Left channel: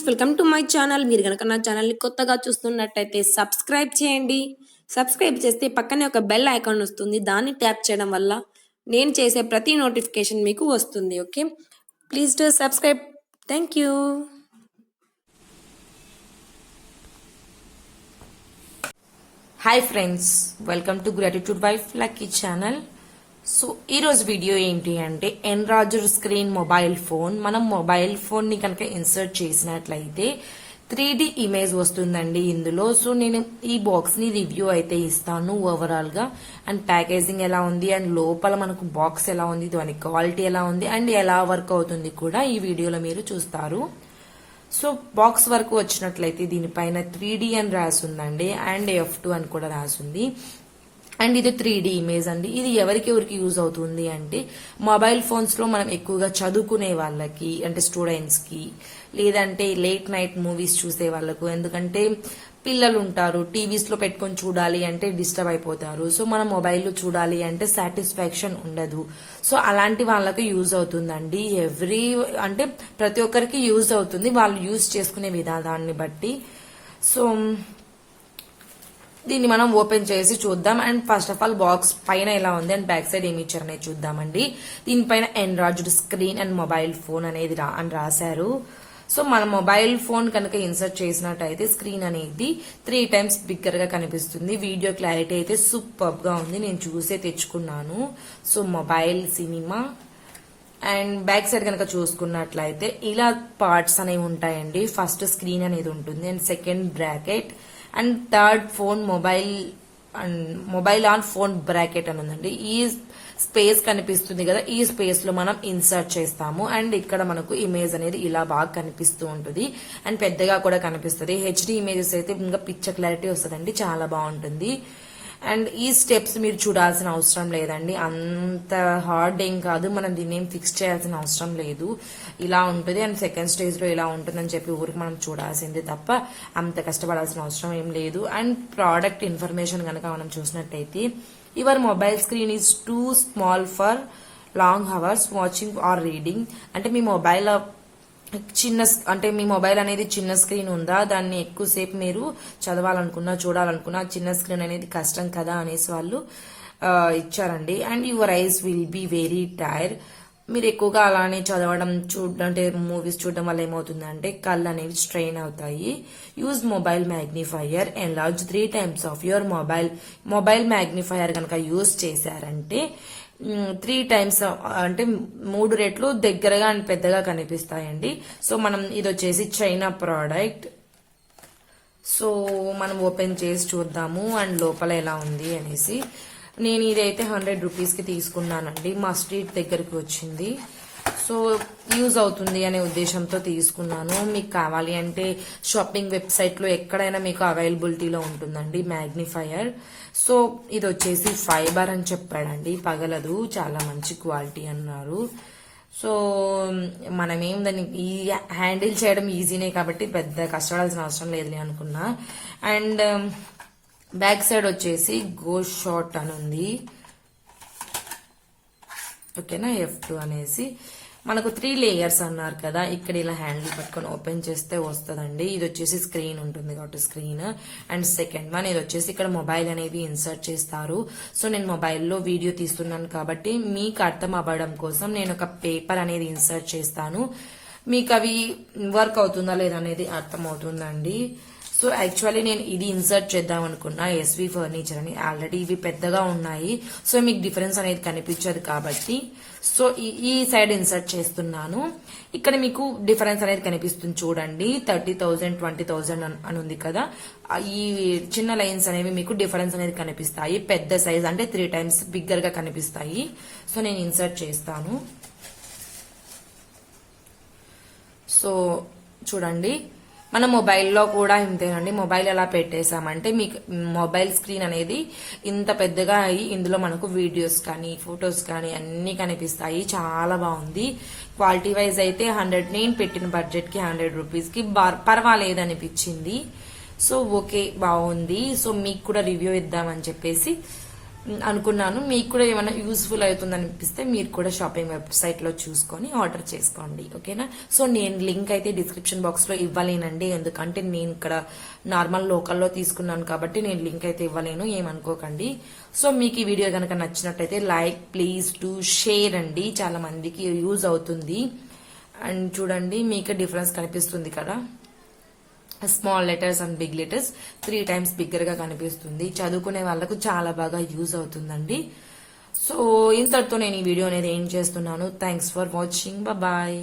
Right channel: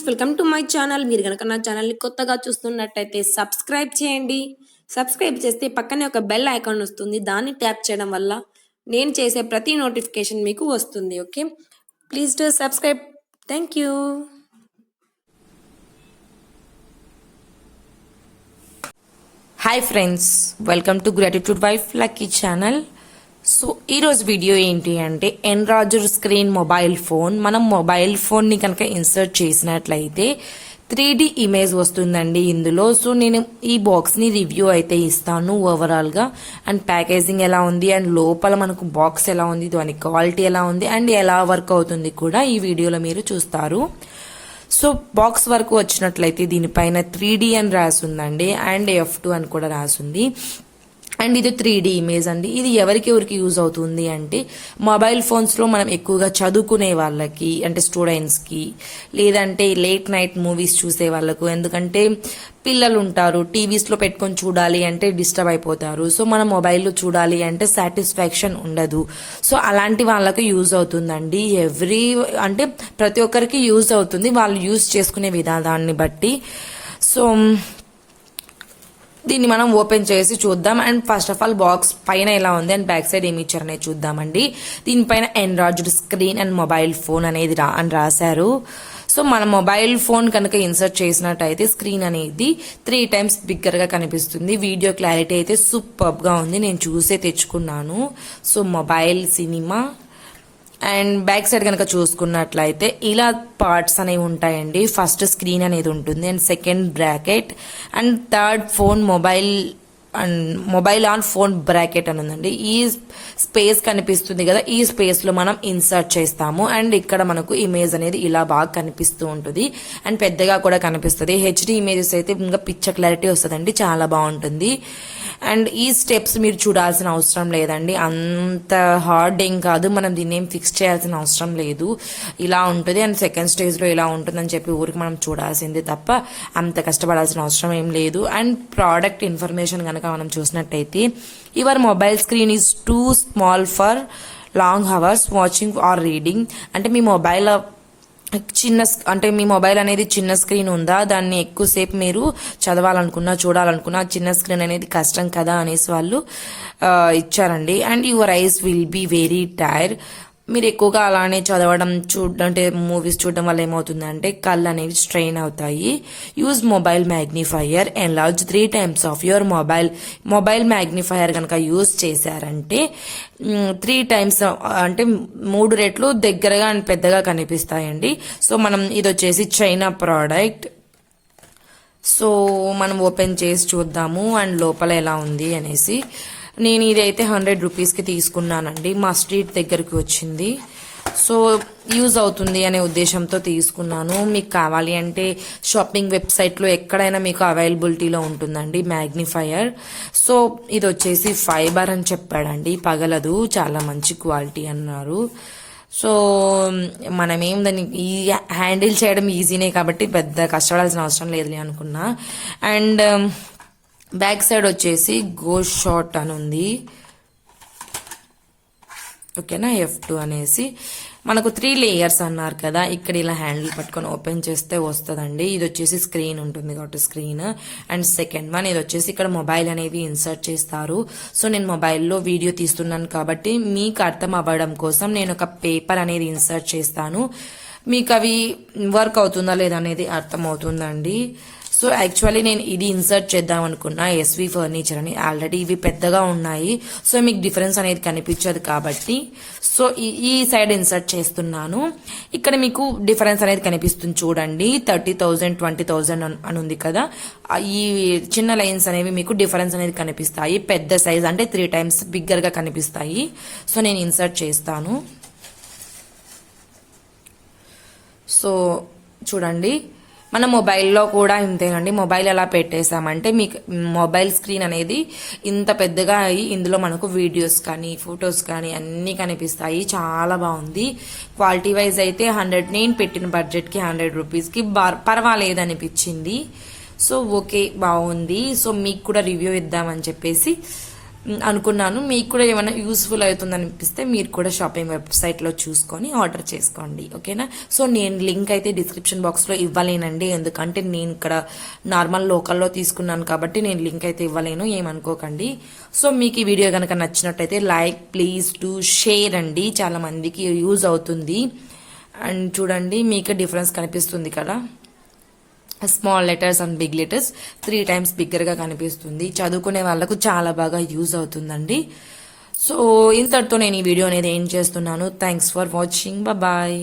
Friends, welcome to my channel. మీరు కనుక నా ఛానల్ని కొత్తగా చూస్తున్నట్టయితే సబ్స్క్రైబ్ చేయండి. సబ్స్క్రైబ్ చేస్తే పక్కనే ఒక బెల్ ఐకాన్ వస్తుంది. దాన్ని ట్యాప్ చేయడం వల్ల నేను చేసే ప్రతి నోటిఫికేషన్ మీకు వస్తుంది. Okay, please do subscribe. Thank you. Hi friends, welcome to gratitude wife lucky channel. So ఈరోజు వీడియో ఏంటి అంటే ఎన్లార్జర్ స్క్రీన్ మొబైల్ ఫోన్. మనం మొబైల్ ఫోన్ని కనుక ఇన్సర్ట్ చేసినట్లయితే 3D ఇమేజ్ వస్తుందండి ఇందులో. సో నేను ఈ బాక్స్ని రివ్యూ అయితే ఇస్తాను ఓవరాల్గా, అండ్ ప్యాకేజింగ్ ఎలా ఉంది, అండ్ లోపల మనకు బాక్స్ ఎలా ఉంది, దాని క్వాలిటీ ఎలా ఉంది, అండ్ ఎలా వర్క్ అవుతుంది కూడా ఈ వీడియోలో మీరు చూస్తారు. సో బాక్స్ వరకు వచ్చినట్లయితే దీనిపైన 3D అని రాసిందండి, అండ్ F2 అని కూడా రాసింది. అండ్ ఇది 3D ఇమేజ్ అండి. ఇది ఎవరికి యూజ్ అవుతుంది అంటే మొబైల్ ఫోన్స్లో మనం ఎక్కువగా చదువుకునే వాళ్ళకి, అంటే స్టూడెంట్స్కి, లేదంటే లేట్ నైట్ మూవీస్ చూసే వాళ్ళకు. ఎందుకంటే పిల్లలు ఉంటారు, టీవీస్లో పెట్టుకొని చూడాలి అంటే డిస్టర్బ్ అయిపోతారు. సో మనం మొబైల్లో చూడాలి అంటే సాటిస్ఫాక్షన్ ఉండదు. సో అలాంటి వాళ్ళకి యూజ్ అవుతుందండి. అంటే ప్రతి ఒక్కరికి యూజ్ అవుతుంది, వాళ్ళు యూజ్ చేసుకునే విధానాన్ని బట్టి. సో దీన్ని మనం ఓపెన్ చేసి చూద్దాం. And first of all box పైన ఎలా ఉంది అండ్ బ్యాక్ సైడ్ ఏమి ఇచ్చారనేది చూద్దామండి. దీనిపైన enlarged screen and mobile phone అనేది అని రాశారు. సో మన మొబైల్ ఫోన్ కనుక ఇన్సర్ట్ చేసినట్టయితే స్క్రీన్ అనేది 3 times బిగ్గర్ గా కనిపిస్తుంది. వీడియో క్లారిటీ అయితే సూపర్ గా ఉంది, నేను చూసే తెచ్చుకున్నాను. So mobile cinema. And back side కనుక చూసుకున్నట్లయితే ఇలా పార్ట్స్ అనేవి ఉంటాయండి. ఫస్ట్ స్క్రీన్ అనేది ఉంటుంది, and second bracket, and third phone mobile, and mobile on phone bracket అని ఉందండి. ఈ స్పేస్ కనిపిస్తుంది కదా, ఈ స్పేస్ లో మనం ఇన్సర్ట్ చేస్తాము. అండ్ ఇక్కడ మనకు ఇమేజ్ అనేది ఇలా బాగా కనిపిస్తూ ఉంటుంది, అండ్ పెద్దగా కూడా కనిపిస్తుంది. హెచ్డి ఇమేజెస్ అయితే ఇంకా పిక్చర్ క్లారిటీ వస్తుందండి, చాలా బాగుంటుంది. అండ్ ఈ స్టెప్స్ మీరు చూడాల్సిన అవసరం లేదండి, అంత హార్డ్ ఏం కాదు, మనం దీన్ని ఏం ఫిక్స్ చేయాల్సిన అవసరం లేదు. ఇలా ఉంటుంది, అండ్ సెకండ్ స్టేజ్లో ఇలా ఉంటుందని చెప్పి ఊరికి మనం చూడాల్సిందే తప్ప అంత కష్టపడాల్సిన అవసరం ఏం లేదు. అండ్ ప్రోడక్ట్ ఇన్ఫర్మేషన్ కనుక మనం చూసినట్టయితే your mobile screen is too small for long hours watching or reading. అంటే మీ మొబైల్ మీ మొబైల్ అనేది చిన్న స్క్రీన్ ఉందా, దాన్ని ఎక్కువసేపు మీరు చదవాలనుకున్నా చూడాలనుకున్నా చిన్న స్క్రీన్ అనేది కష్టం కదా అనేసి వాళ్ళు ఇచ్చారండి. And your eyes will be very tire. మీరు ఎక్కువగా అలానే చదవడం అంటే మూవీస్ చూడడం వల్ల ఏమవుతుందంటే కళ్ళు అనేవి స్ట్రెయిన్ అవుతాయి. Use mobile magnifier enlarge 3 times of your mobile magnifier కనుక యూజ్ చేశారంటే 3 times అంటే 3 రెట్లు దగ్గరగా అండ్ పెద్దగా కనిపిస్తాయండి. సో మనం ఇది వచ్చేసి చైనా ప్రోడక్ట్. సో మనం ఓపెన్ చేసి చూద్దాము అండ్ లోపల ఎలా ఉంది అనేసి. నేను ఇదైతే 100 రూపీస్కి తీసుకున్నానండి, మా స్ట్రీట్ దగ్గరికి వచ్చింది. సో యూజ్ అవుతుంది అనే ఉద్దేశంతో తీసుకున్నాను. మీకు కావాలి అంటే షాపింగ్ వెబ్సైట్లో ఎక్కడైనా మీకు అవైలబిలిటీలో ఉంటుందండి మ్యాగ్నిఫైయర్. సో ఇది వచ్చేసి ఫైబర్ అని చెప్పాడండి, పగలదు, చాలా మంచి క్వాలిటీ అన్నారు. సో మనమేం దాన్ని హ్యాండిల్ చేయడం ఈజీనే కాబట్టి పెద్ద కష్టపడాల్సిన అవసరం లేదులే అనుకున్నా. అండ్ బ్యాక్ సైడ్ వచ్చేసి గోస్ట్ షాట్ అని ఉంది, ఓకేనా, F2 అనేసి. మనకు 3 layers అన్నారు కదా, ఇక్కడ ఇలా హ్యాండిల్ పట్టుకొని ఓపెన్ చేస్తే వస్తుందండి. ఇది వచ్చేసి స్క్రీన్ ఉంటుంది కాబట్టి స్క్రీన్. అండ్ సెకండ్ వన్ ఇది వచ్చేసి ఇక్కడ మొబైల్ అనేది ఇన్సర్ట్ చేస్తారు. సో నేను మొబైల్లో వీడియో తీస్తున్నాను కాబట్టి మీకు అర్థం అవ్వడం కోసం నేను ఒక పేపర్ అనేది ఇన్సర్ట్ చేస్తాను. మీకు అవి వర్క్ అవుతుందా లేదా అనేది అర్థం అవుతుందండి. సో యాక్చువల్లీ నేను ఇది ఇన్సర్ట్ చేద్దాం అనుకున్నా, SV ఫర్నిచర్ అని. ఆల్రెడీ ఇవి పెద్దగా ఉన్నాయి, సో మీకు డిఫరెన్స్ అనేది కనిపించదు కాబట్టి సో ఈ సైడ్ ఇన్సర్ట్ చేస్తున్నాను. ఇక్కడ మీకు డిఫరెన్స్ అనేది కనిపిస్తుంది చూడండి, 30,000 20,000 అని ఉంది కదా. ఈ చిన్న లైన్స్ అనేవి మీకు డిఫరెన్స్ అనేది కనిపిస్తాయి. పెద్ద సైజ్ అంటే 3 times బిగ్గర్ గా కనిపిస్తాయి. సో నేను ఇన్సర్ట్ చేస్తాను. సో చూడండి, మన మొబైల్లో కూడా ఇంతేనండి. మొబైల్ ఎలా పెట్టేశామంటే మీకు మొబైల్ స్క్రీన్ అనేది ఇంత పెద్దగా అయ్యి ఇందులో మనకు వీడియోస్ కానీ ఫొటోస్ కానీ అన్నీ కనిపిస్తాయి. చాలా బాగుంది. క్వాలిటీ వైజ్ అయితే 100, నేను పెట్టిన బడ్జెట్కి 100 రూపీస్కి పర్వాలేదు అనిపించింది. సో ఓకే, బాగుంది. సో మీకు కూడా రివ్యూ ఇద్దామని చెప్పేసి అనుకున్నాను. మీకు కూడా ఏమైనా యూస్ఫుల్ అవుతుంది అనిపిస్తే మీరు కూడా షాపింగ్ వెబ్సైట్లో చూసుకొని ఆర్డర్ చేసుకోండి, ఓకేనా. సో నేను లింక్ అయితే డిస్క్రిప్షన్ బాక్స్లో ఇవ్వలేనండి, ఎందుకంటే నేను ఇక్కడ నార్మల్ లోకల్లో తీసుకున్నాను కాబట్టి నేను లింక్ అయితే ఇవ్వలేను, ఏమనుకోకండి. సో మీకు ఈ వీడియో కనుక నచ్చినట్టయితే లైక్ ప్లీజ్ టు షేర్ అండి, చాలా మందికి యూజ్ అవుతుంది. అండ్ చూడండి మీకు డిఫరెన్స్ కనిపిస్తుంది కదా, small letters and big letters 3 times బిగ్గర్గా కనిపిస్తుంది. చదువుకునే వాళ్ళకు చాలా బాగా యూజ్ అవుతుందండి. సో ఇంతటితో నేను ఈ వీడియో అనేది ఏం చేస్తున్నాను. Thanks for watching, bye.